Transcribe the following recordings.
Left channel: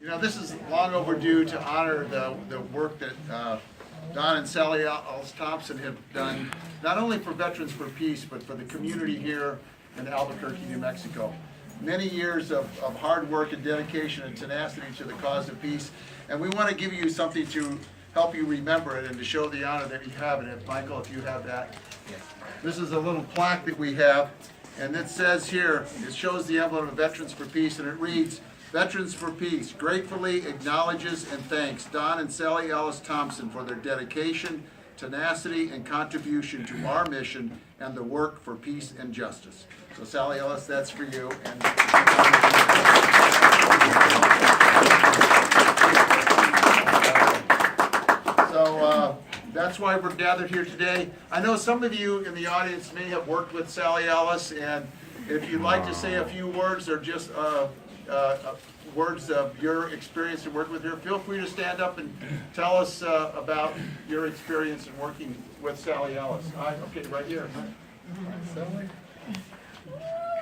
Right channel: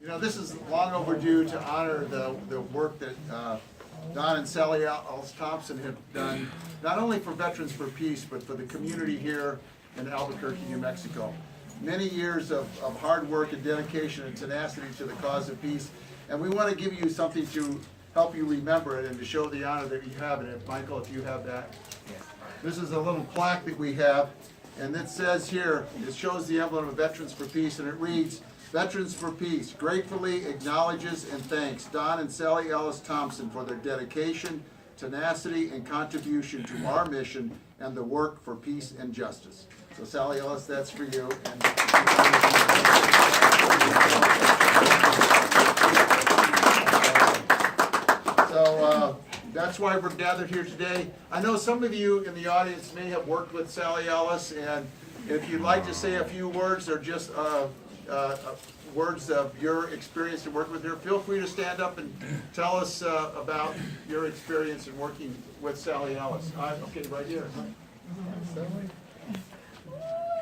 You know, this is long overdue to honor the work that Don and Sally-Alice Thompson have done, not only for Veterans for Peace, but for the community here in Albuquerque, New Mexico. Many years of hard work and dedication and tenacity to the cause of peace, and we want to give you something to help you remember it and to show the honor that you have in it. Michael, if you have that. This is a little plaque that we have, and it says here, it shows the emblem of Veterans for Peace, and it reads, Veterans for Peace gratefully acknowledges and thanks Don and Sally-Alice Thompson for their dedication, tenacity, and contribution to our mission and the work for peace and justice. So Sally-Alice, that's for you. And that's why we're gathered here today. I know some of you in the audience may have worked with Sally-Alice, and if you'd like to say a few words or just words of your experience in working with her, feel free to stand up and tell us about your experience in working with Sally-Alice. Okay, right here. Sally?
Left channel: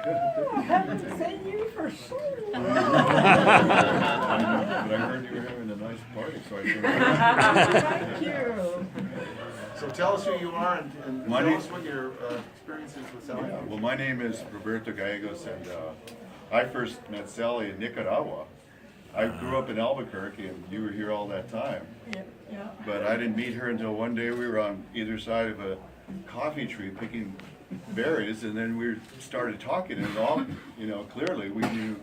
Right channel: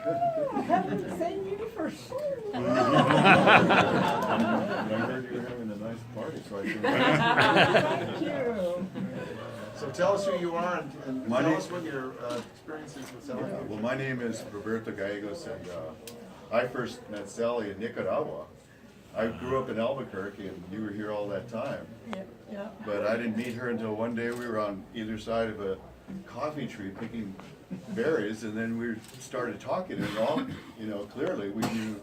I haven't seen you for so long. But I heard you were having a nice party, so I came. Thank you. So tell us who you are and tell us what your experience is with Sally. Well, my name is Roberto Gallegos, and I first met Sally in Nicaragua. I grew up in Albuquerque, and you were here all that time. Yeah. But I didn't meet her until one day we were on either side of a coffee tree picking berries, and then we started talking, and all, you know, clearly we knew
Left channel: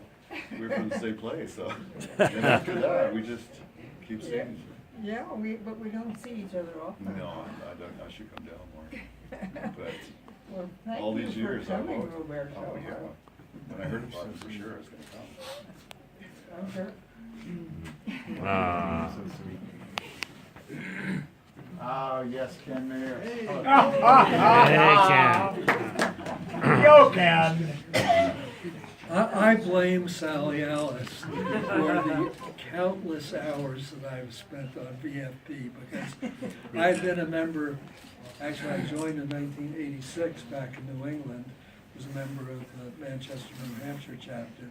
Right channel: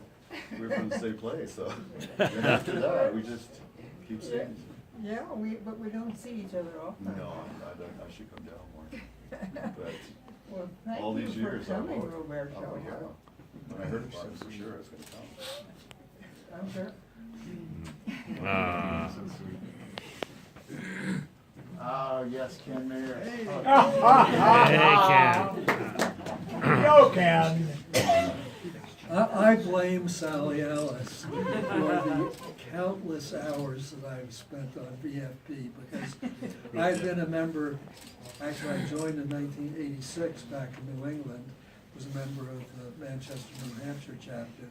we were from the same place. So then after that, we just keep seeing. Yeah, but we don't see each other often. No, I should come down more. But Well, thank all these you years, for I've coming, always, Roberto. oh yeah. When I heard about it, for sure I was going to come. I'm sure. Oh, yes, Ken Mayer. You can. I blame Sally-Alice for the countless hours that I've spent on VFP because I've been a member, actually I joined in 1986 back in New England, was a member of the Manchester, New Hampshire chapter,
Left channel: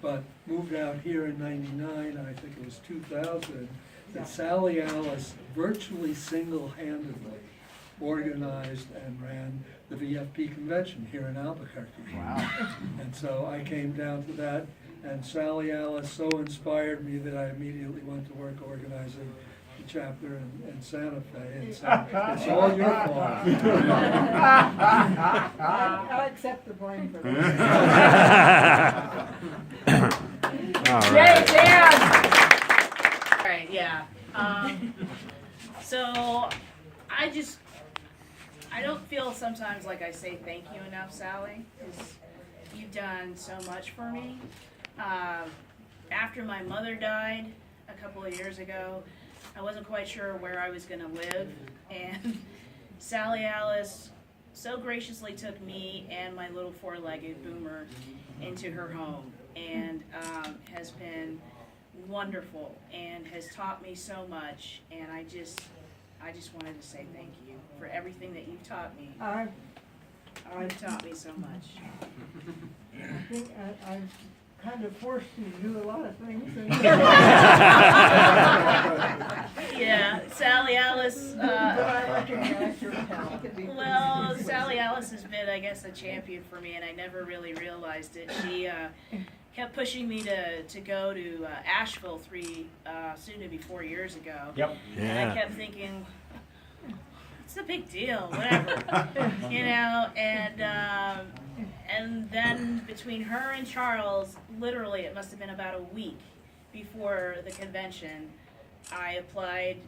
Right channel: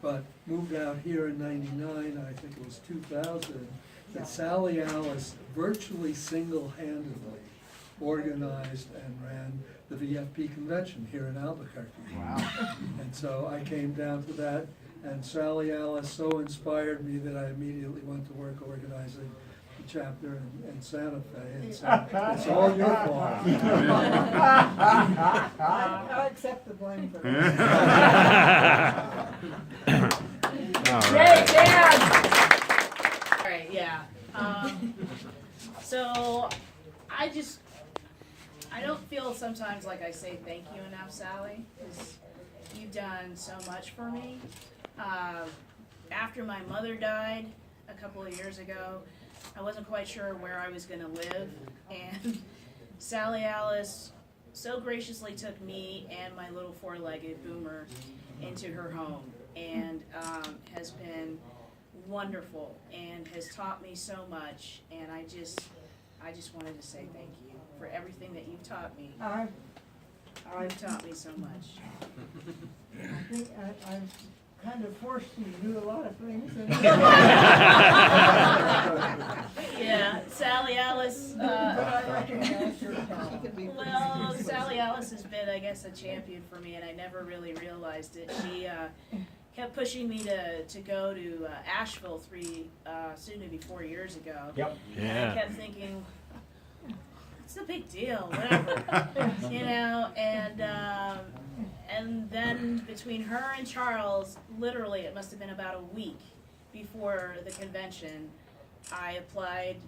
but moved out here in '99, I think it was 2000, that Sally-Alice virtually single-handedly organized and ran the VFP convention here in Albuquerque. Wow. And so I came down to that, and Sally-Alice so inspired me that I immediately went to work organizing the chapter in Santa Fe, and so it's all your fault. I'll accept the blame for that. All Yay, right. Dan! All right, yeah. So I don't feel sometimes like I say thank you enough, Sally, because you've done so much for me. After my mother died a couple of years ago, I wasn't quite sure where I was going to live, and Sally-Alice so graciously took me and my little four-legged Boomer into her home, and has been wonderful and has taught me so much, and I just wanted to say thank you for everything that you've taught me. You've taught me so much. I think I've kind of forced you to do a lot of things. Yeah, Sally-Alice, But I recognize your talent. well, Sally-Alice has been, I guess, a champion for me, and I never really realized it. She kept pushing me to go to Asheville soon to be 4 years ago. Yep. And I kept thinking, it's a big deal, whatever, you know, and then between her and Charles, literally it must have been about a week before the convention, I applied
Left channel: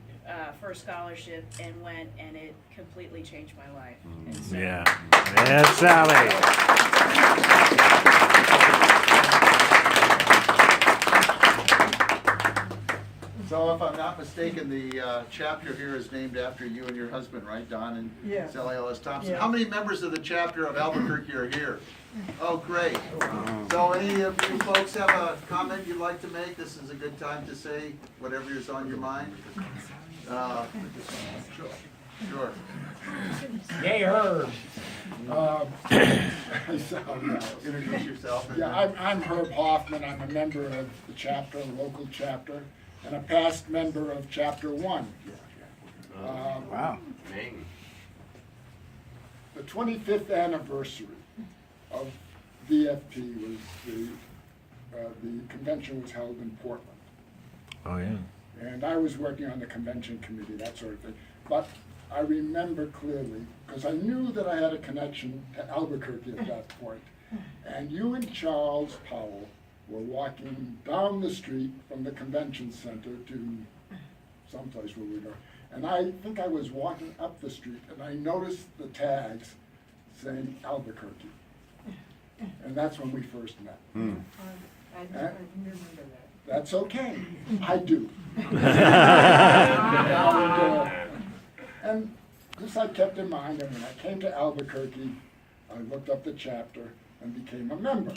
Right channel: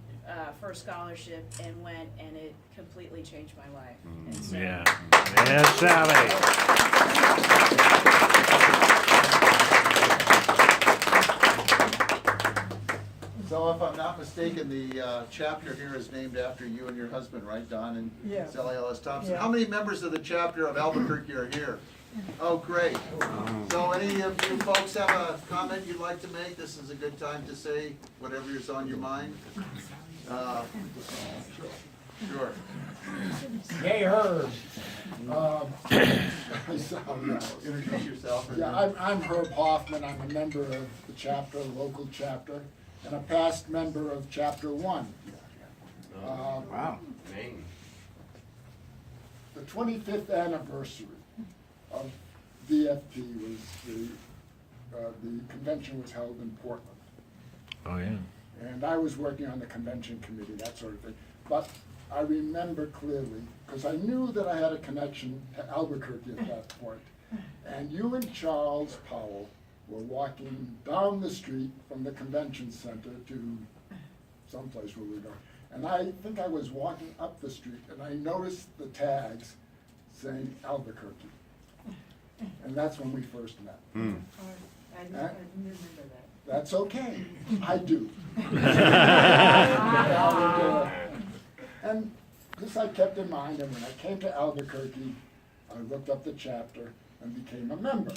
for a scholarship and went, and it completely changed my life. And so, Yeah. Yes, Sally. So if I'm not mistaken, the chapter here is named after you and your husband, right, Don and Yeah. Sally-Alice Thompson? Yeah. How many members of the chapter of Albuquerque are here? Oh, great. So any of you folks have a comment you'd like to make? This is a good time to say whatever is on your mind. Sure. Yay, Herb. Introduce yourself. Yeah, I'm Herb Hoffman. I'm a member of the chapter, the local chapter, and a past member of Chapter 1. Wow. The 25th anniversary of VFP was the convention was held in Portland. Oh, yeah. And I was working on the convention committee, that sort of thing. But I remember clearly, because I knew that I had a connection to Albuquerque at that point. And you and Charles Powell were walking down the street from the convention center to someplace where we were going. And I think I was walking up the street and I noticed the tags saying Albuquerque. And that's when we first met. I remember that. That's okay, I do. And this I kept in mind, and when I came to Albuquerque, I looked up the chapter and became a member.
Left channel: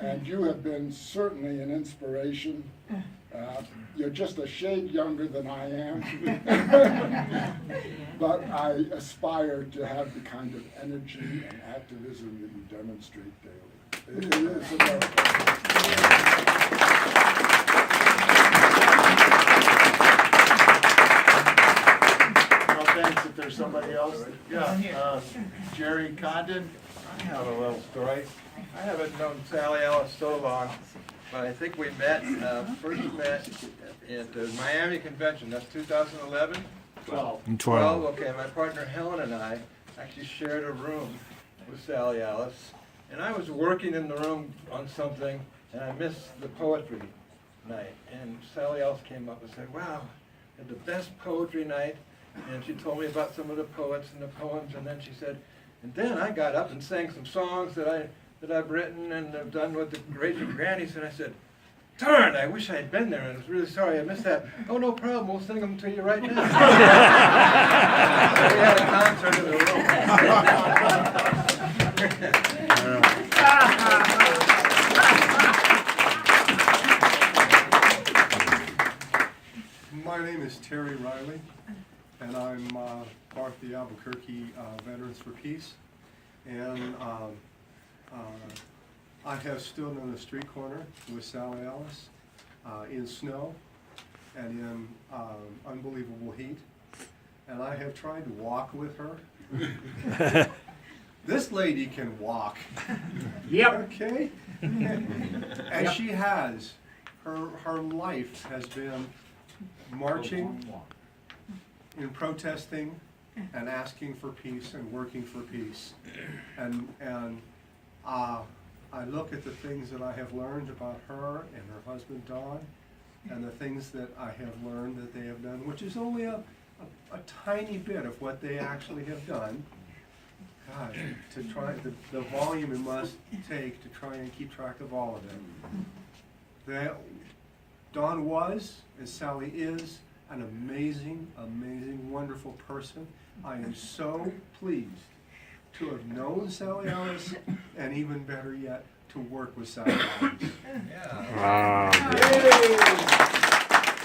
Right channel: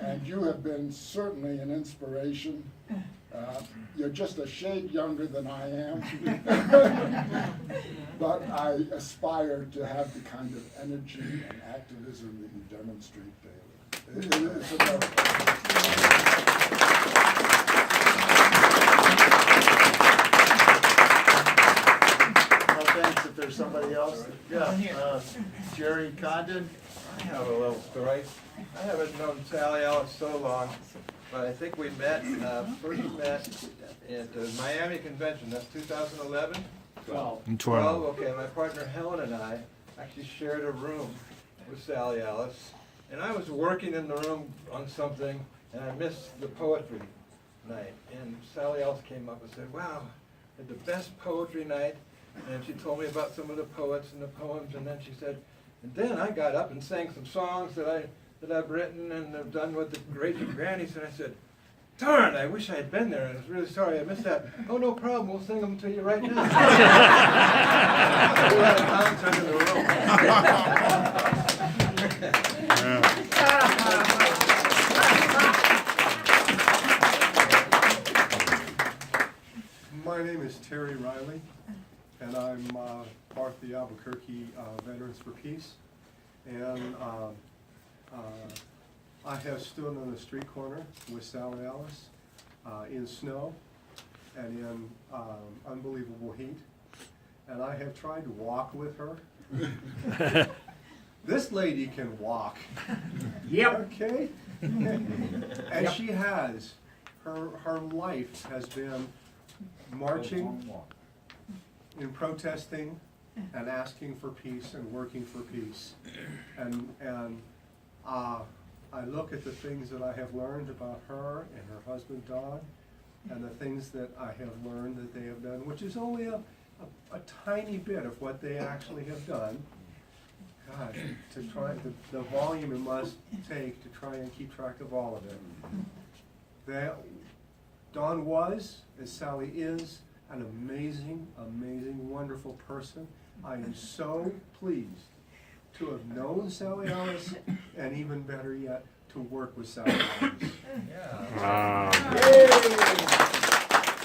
And you have been certainly an inspiration. You're just a shade younger than I am. But I aspire to have the kind of energy and activism that you demonstrate daily. It is a miracle. Well, thanks. If there's somebody else, Jerry Condon. I have a little story. I haven't known Sally-Alice so long, but I think we met, first met at the Miami Convention. That's 2011? 12. 12, okay. My partner Helen and I actually shared a room with Sally-Alice. And I was working in the room on something, and I missed the poetry night. And Sally-Alice came up and said, wow, had the best poetry night. And she told me about some of the poets and the poems, and then she said, and then I got up and sang some songs that I've written and have done with the Raging Grannies, and I said, darn, I wish I had been there, and I was really sorry I missed that. Oh, no problem, we'll sing them to you right now. So we had a concert in the room. My name is Terry Riley, and I'm part of the Albuquerque Veterans for Peace. And I have stood on the street corner with Sally-Alice in snow and in unbelievable heat. And I have tried to walk with her. This lady can walk. Yep. Okay? And she has. Her life has been marching, in protesting, and asking for peace and working for peace. And I look at the things that I have learned about her and her husband Don, and the things that I have learned that they have done, which is only a tiny bit of what they actually have done. God, to try the volume it must take to try and keep track of all of it. Don was, and Sally is, an amazing, amazing, wonderful person. I am so pleased to have known Sally-Alice, and even better yet, to work with Sally-Alice. Wow. Yay!